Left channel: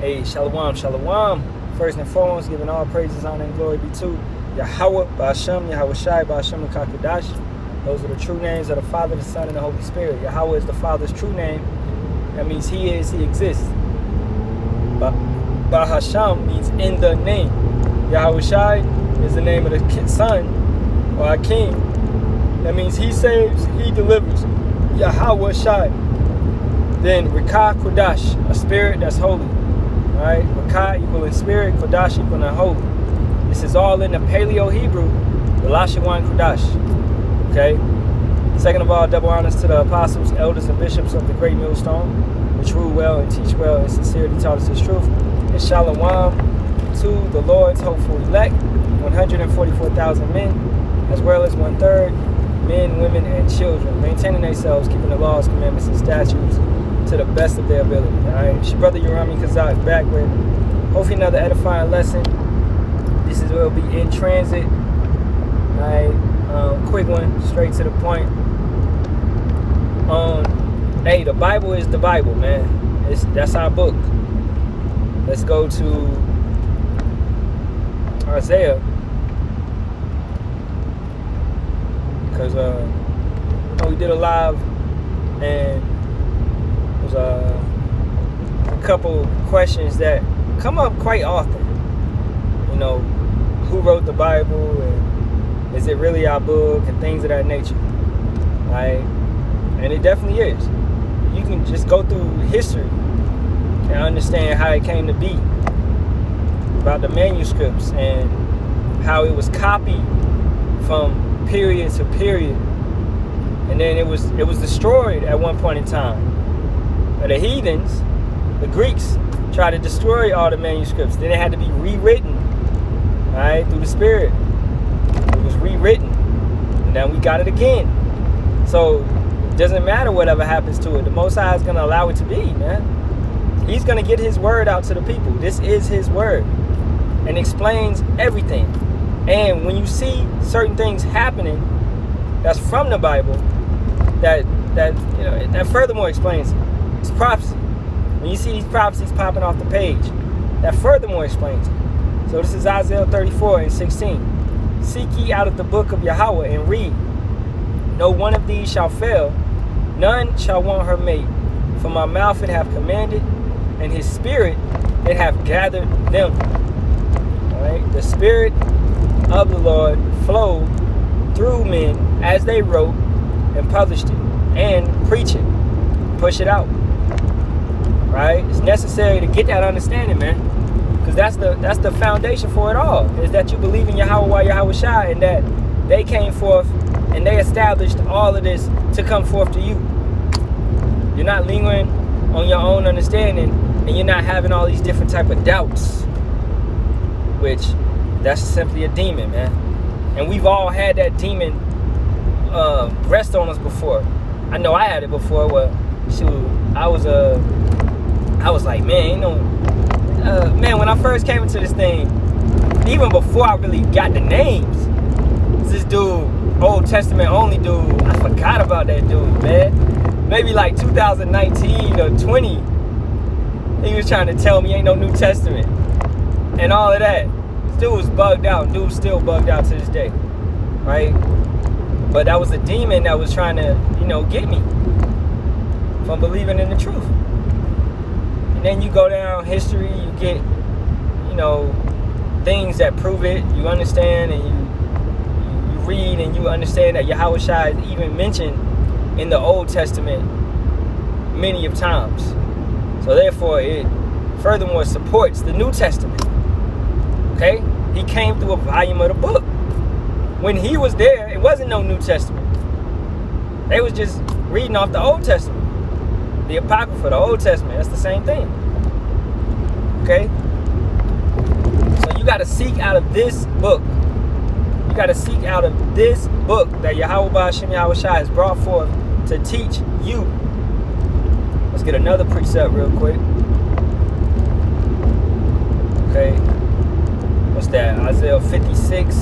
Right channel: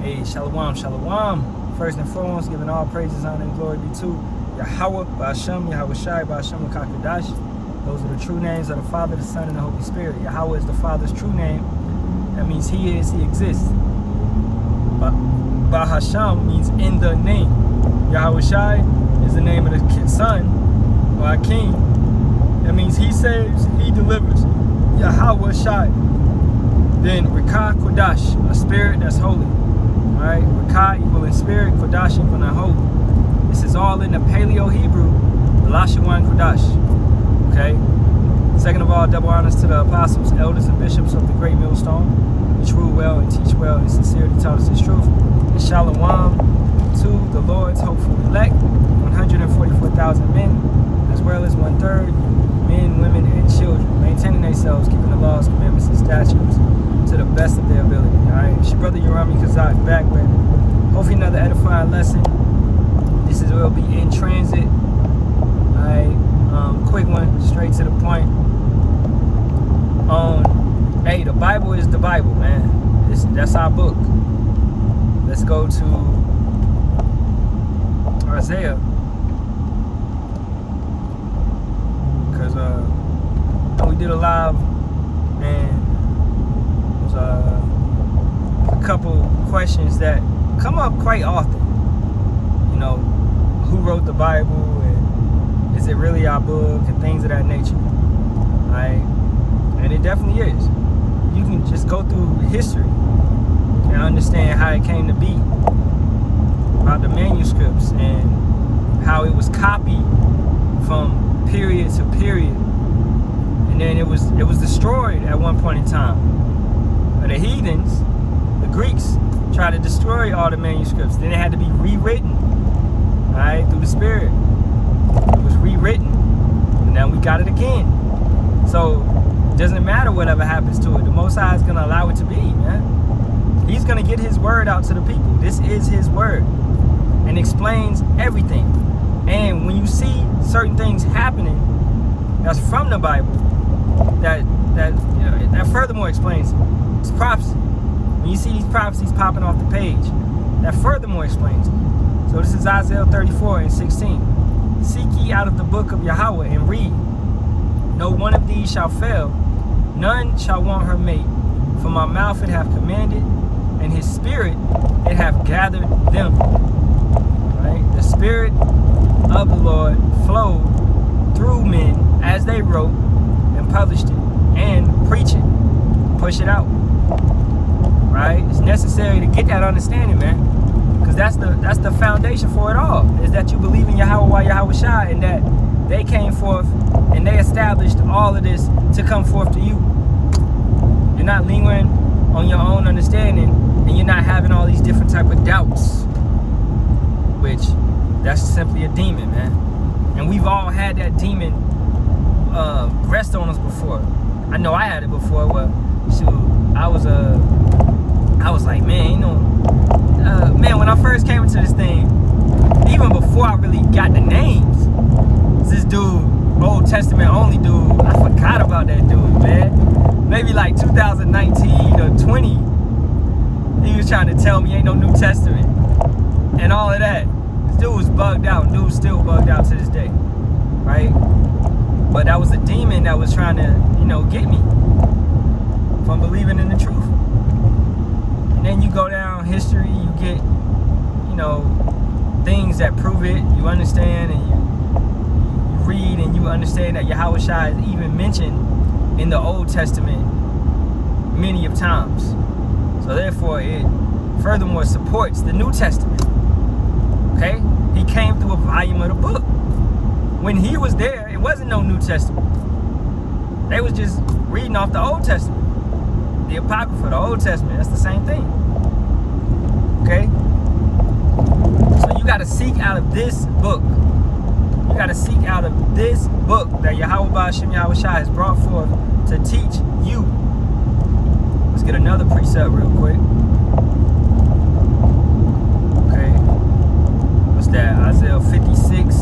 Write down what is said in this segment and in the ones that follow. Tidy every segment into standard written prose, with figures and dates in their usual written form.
Hey, Shalawam, Shalawam. First and foremost, giving all praises, honor, and glory be to Yahawah, Bahasham, Yahawashi, Bahasham, and Kakadash. Those are the true names of the Father, the Son, and the Holy Spirit. Yahawah is the Father's true name. That means He is, He exists. But Bahasham means in the name. Yahawashi is the name of the Son, or our King. That means He saves, He delivers. Yahawashi. Then Rika Kodash, a spirit that's holy. Right? Rika equaling spirit, Kodash equaling holy. This is all in the Paleo Hebrew, the Lashawan Kodash. Okay? Second of all, double honors to the apostles, elders, and bishops of the great millstone, which rule well and teach well and sincerely taught us His truth. And Shalawam to the Lord's hopeful elect, 144,000 men, as well as 1/3 men, women, and children, maintaining themselves, keeping the laws, commandments, and statutes to the best of their ability. Alright, it's your brother Yerami Kazak back with hopefully another edifying lesson. This will be in transit. Alright, quick one, straight to the point. Hey, the Bible is the Bible, man. That's our book. Let's go to Isaiah, because we did a live and there's a couple questions that come up quite often. You know, who wrote the Bible, and is it really our book, and things of that nature. Right? And it definitely is. You can just go through history and understand how it came to be, about the manuscripts and how it was copied from period to period, and then it was destroyed at one point in time. But the heathens, the Greeks, tried to destroy all the manuscripts. Then it had to be rewritten, all right, through the Spirit. It was rewritten, and now we got it again. So it doesn't matter whatever happens to it. The Most High is going to allow it to be, man. He's going to get His word out to the people. This is His word, and explains everything. And when you see certain things happening that's from the Bible, that furthermore explains it. It's prophecy. When you see these prophecies popping off the page, that furthermore explains it. So this is Isaiah 34:16. Seek ye out of the book of Yahawah and read. No one of these shall fail, none shall want her mate. For my mouth it hath commanded, and His Spirit it hath gathered them. All right? The Spirit of the Lord flowed through men as they wrote and published it, and preach it, push it out. Right? It's necessary to get that understanding, man, because that's the foundation for it all. Is that you believe in Yahawah, Yahawashi, and that they came forth and they established all of this to come forth to you. You're not lingering on your own understanding, and you're not having all these different type of doubts, which that's simply a demon, man. And we've all had that demon rest on us before. I know I had it before. Where, shoot, I was like, man, you know, man, when I first came into this thing, even before I really got the names, this dude, Old Testament only dude, I forgot about that dude, man. Maybe like 2019 or 20, he was trying to tell me ain't no New Testament and all of that. This dude was bugged out. Dude's still bugged out to this day, right? But that was a demon that was trying to, you know, get me from believing in the truth. And then you go down history, you get, you know, things that prove it. You understand, and you read and you understand that Yahawashi is even mentioned in the Old Testament many of times. So therefore, it furthermore supports the New Testament. Okay? He came through a volume of the book. When he was there, it wasn't no New Testament. They was just reading off the Old Testament. The Apocrypha, the Old Testament, that's the same thing. Okay? So you got to seek out of this book. You got to seek out of this book that Yahawah Bahasham Yahawashi has brought forth to teach you. Let's get another precept real quick. Okay. What's that? Isaiah 56.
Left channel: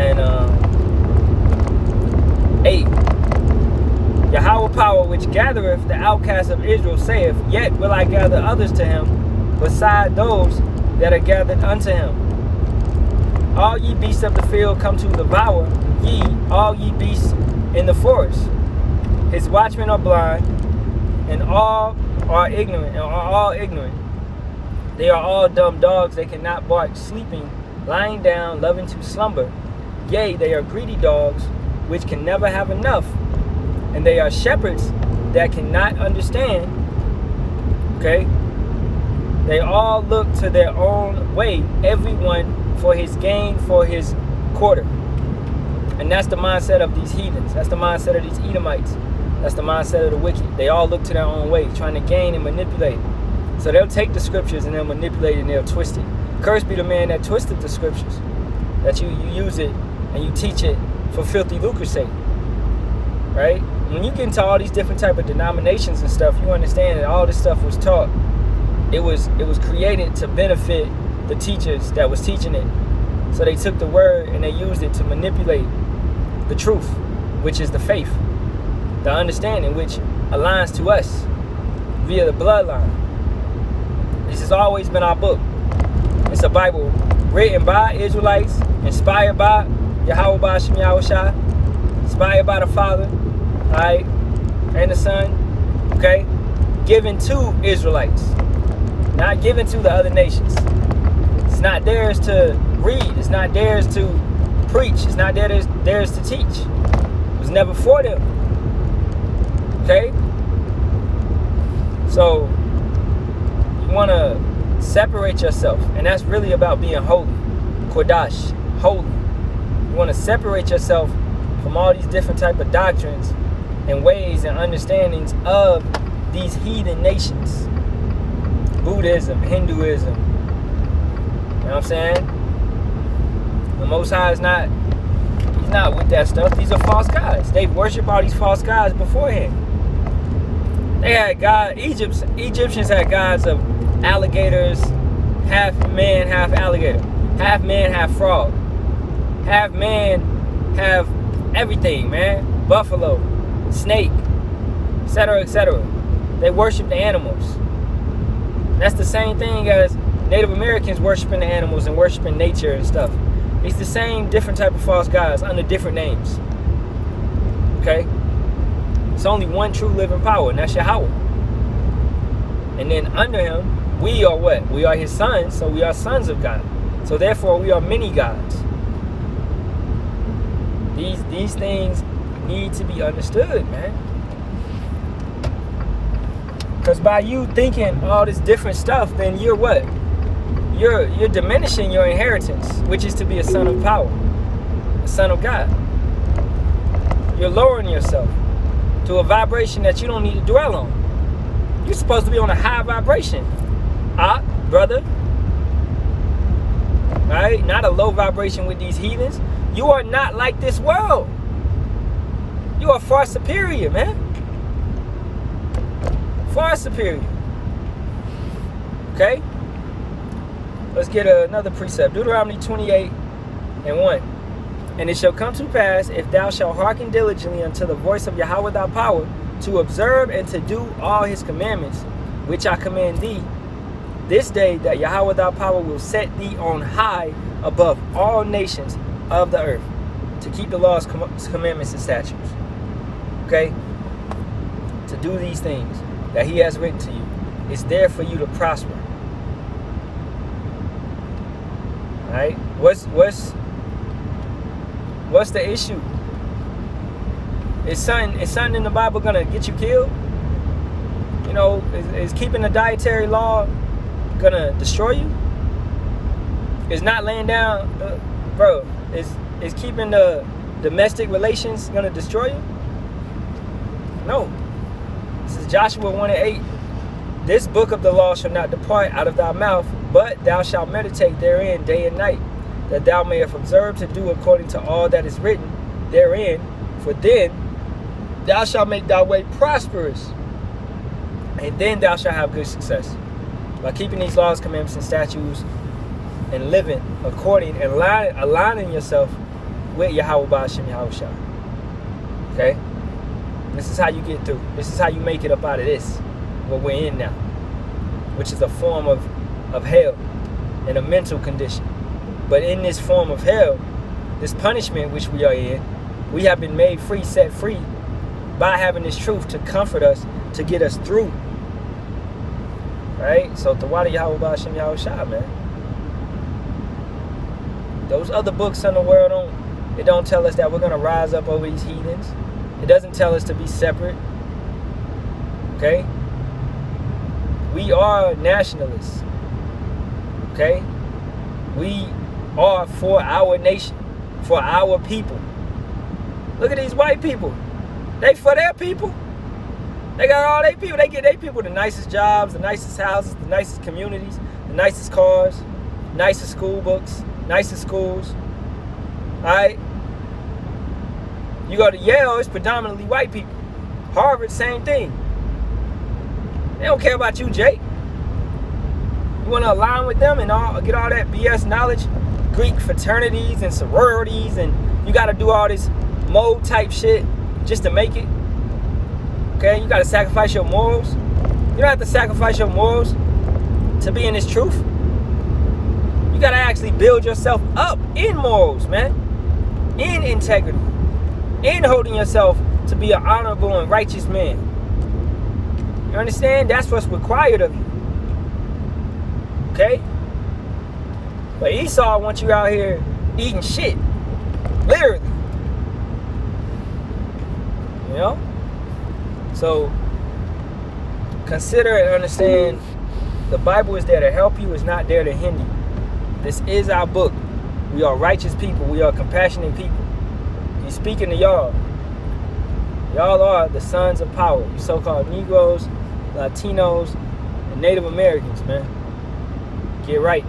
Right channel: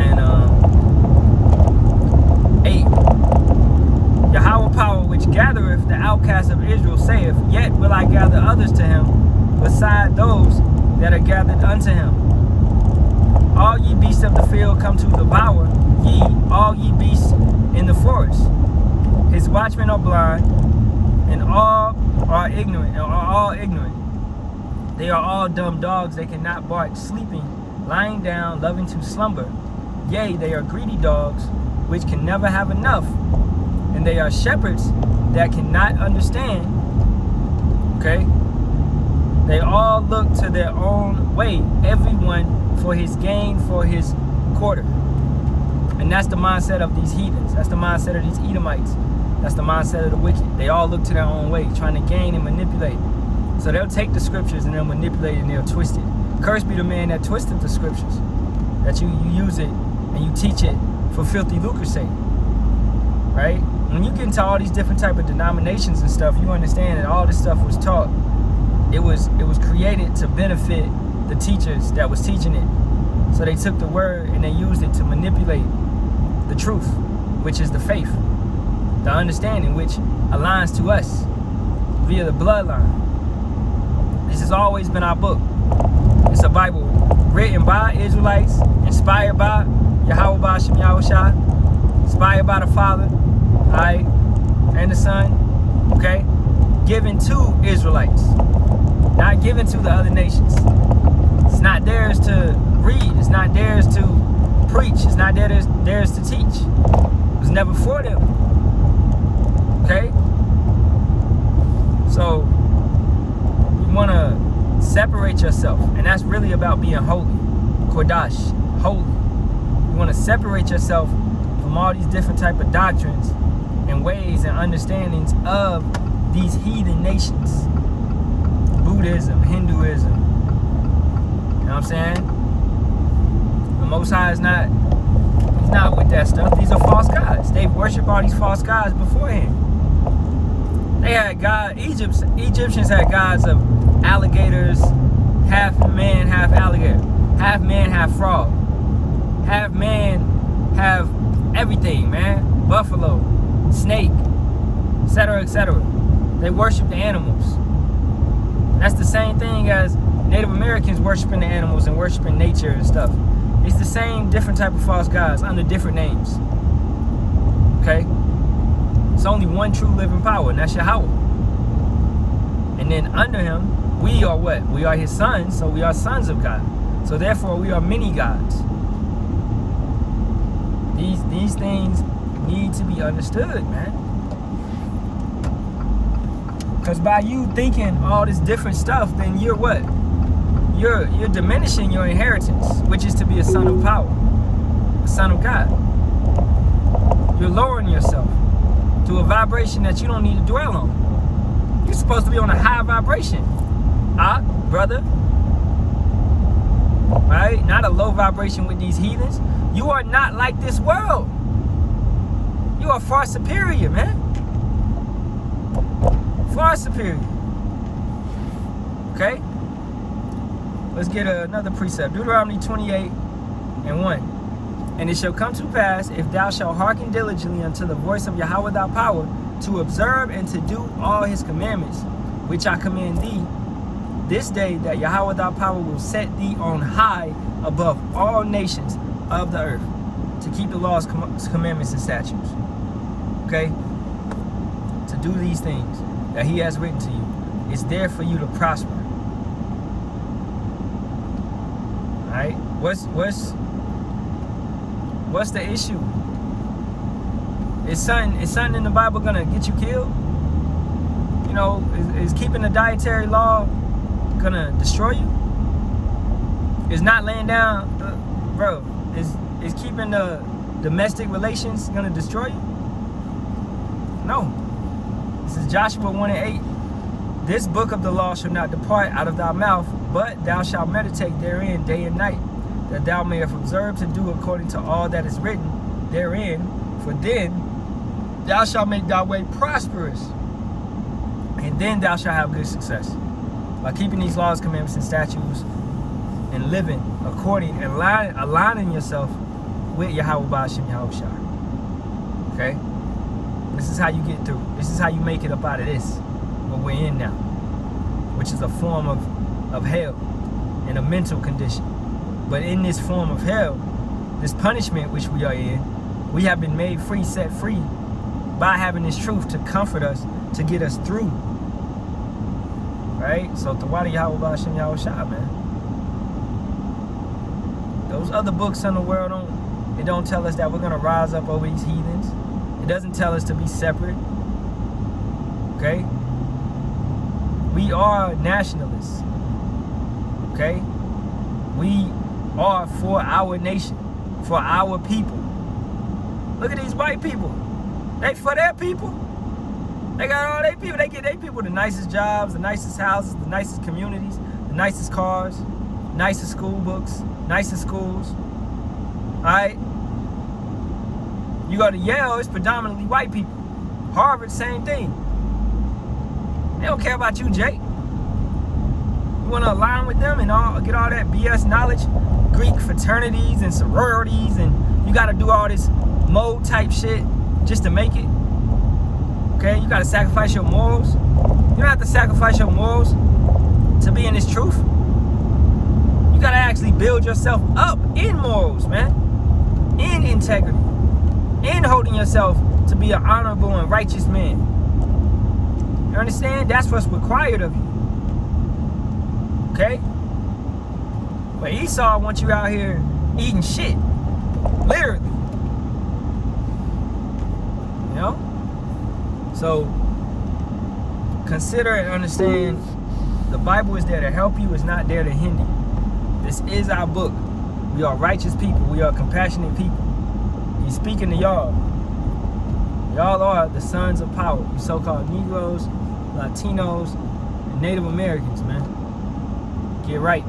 And 8. Yahawah power which gathereth the outcast of Israel saith, yet will I gather others to him, beside those that are gathered unto him. All ye beasts of the field come to devour ye, all ye beasts in the forest. His watchmen are blind, and all are ignorant, They are all dumb dogs, they cannot bark, sleeping, lying down, loving to slumber. Yea, they are greedy dogs, which can never have enough, and they are shepherds that cannot understand. Okay? They all look to their own way, everyone for his gain, for his quarter. And that's the mindset of these heathens. That's the mindset of these Edomites. That's the mindset of the wicked. They all look to their own way, trying to gain and manipulate. So they'll take the scriptures and they'll manipulate it and they'll twist it. Cursed be the man that twisted the scriptures. That you use it and you teach it for filthy lucre's sake. Right? When you get into all these different type of denominations and stuff, you understand that all this stuff was taught. It was created to benefit the teachers that was teaching it. So they took the word and they used it to manipulate the truth, which is the faith, the understanding, which aligns to us via the bloodline. This has always been our book. It's a Bible written by Israelites, inspired by Yahawah, Bahasham, Yahawashi, inspired by the Father, all right, and the Son, okay, given to Israelites, not given to the other nations. It's not theirs to read. It's not theirs to preach. It's not theirs to teach. It was never for them. Okay? So, you want to separate yourself. And that's really about being holy. Kodash. Holy. You want to separate yourself from all these different type of doctrines and ways and understandings of these heathen nations. Buddhism, Hinduism. You know what I'm saying? The Most High is not, he's not with that stuff. These are false gods. They worship all these false gods beforehand. They had God, Egyptians had gods of alligators, half man, half alligator, half man, half frog, half man, half everything, man. Buffalo, snake, etc., etc. They worship the animals. And that's the same thing as Native Americans worshiping the animals and worshiping nature and stuff. It's the same different type of false gods under different names. Okay? It's only one true living power, and that's Yahawah. And then under him, we are what? We are his sons, so we are sons of God. So therefore, we are many gods. These things need to be understood, man. Because by you thinking all this different stuff, then you're what? You're diminishing your inheritance, which is to be a son of power, a son of God. You're lowering yourself to a vibration that you don't need to dwell on. You're supposed to be on a high vibration, brother. Right? Not a low vibration with these heathens. You are not like this world. You are far superior, man. Far superior. Okay? Let's get another precept. Deuteronomy 28:1. And it shall come to pass, if thou shalt hearken diligently unto the voice of Yahawah thy power, to observe and to do all his commandments, which I command thee, this day that Yahawah thy power will set thee on high above all nations of the earth, to keep the laws, commandments, and statutes. Okay? To do these things that he has written to you. It's there for you to prosper. Alright? What's the issue? Is something in the Bible gonna get you killed? You know, is keeping the dietary law gonna destroy you? Is not laying down, bro? Is keeping the domestic relations gonna destroy you? No. This is Joshua 1:8. This book of the law shall not depart out of thy mouth, but thou shalt meditate therein day and night, that thou mayest observe to do according to all that is written therein. For then thou shalt make thy way prosperous, and then thou shalt have good success. By keeping these laws, commandments, and statutes, and living according and aligning yourself with Yahawah, Bahasham, Yahawashi. Okay? This is how you get through. This is how you make it up out of this, what we're in now, which is a form of hell and a mental condition. But in this form of hell, this punishment which we are in, we have been made free, set free by having this truth to comfort us, to get us through. Right? So Tawada Yahawah Bahasham Yahawashi, man. Those other books in the world don't tell us that we're gonna rise up over these heathens. It doesn't tell us to be separate. Okay? We are nationalists. Okay? We are for our nation, for our people. Look at these white people. They for their people. They got all their people. They get their people the nicest jobs, the nicest houses, the nicest communities, the nicest cars, nicest school books, nicest schools. Alright? You go to Yale, it's predominantly white people. Harvard, same thing. They don't care about you, Jake. You want to align with them and get all that BS knowledge, Greek fraternities and sororities, and you got to do all this mode type shit just to make it. Okay, you got to sacrifice your morals. You don't have to sacrifice your morals to be in this truth. You got to actually build yourself up in morals, man, in integrity, in holding yourself to be an honorable and righteous man. You understand? That's what's required of you. Okay? But Esau wants you out here eating shit. Literally. You know? So, consider and understand the Bible is there to help you, it's not there to hinder you. This is our book. We are righteous people. We are compassionate people. He's speaking to y'all. Y'all are the sons of power. You so-called Negroes, Latinos, and Native Americans, man. Get right.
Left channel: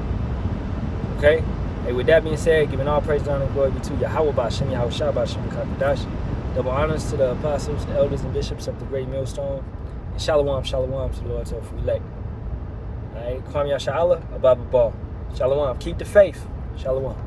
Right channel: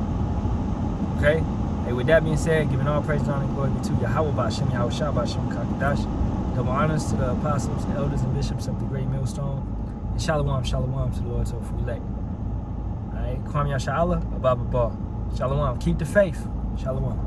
Okay? Hey, with that being said, giving all praise, honor, and glory be to Yahawah Bahasham, Yahawashi, Bahasham, Kakadash. Double honors to the apostles, elders, and bishops of the great millstone. And Shalawam, Shalawam to the Lord's hope for elect. Alright? Kwame Yasharahla, Ababa Ball. Shalawam. Keep the faith. Shalawam.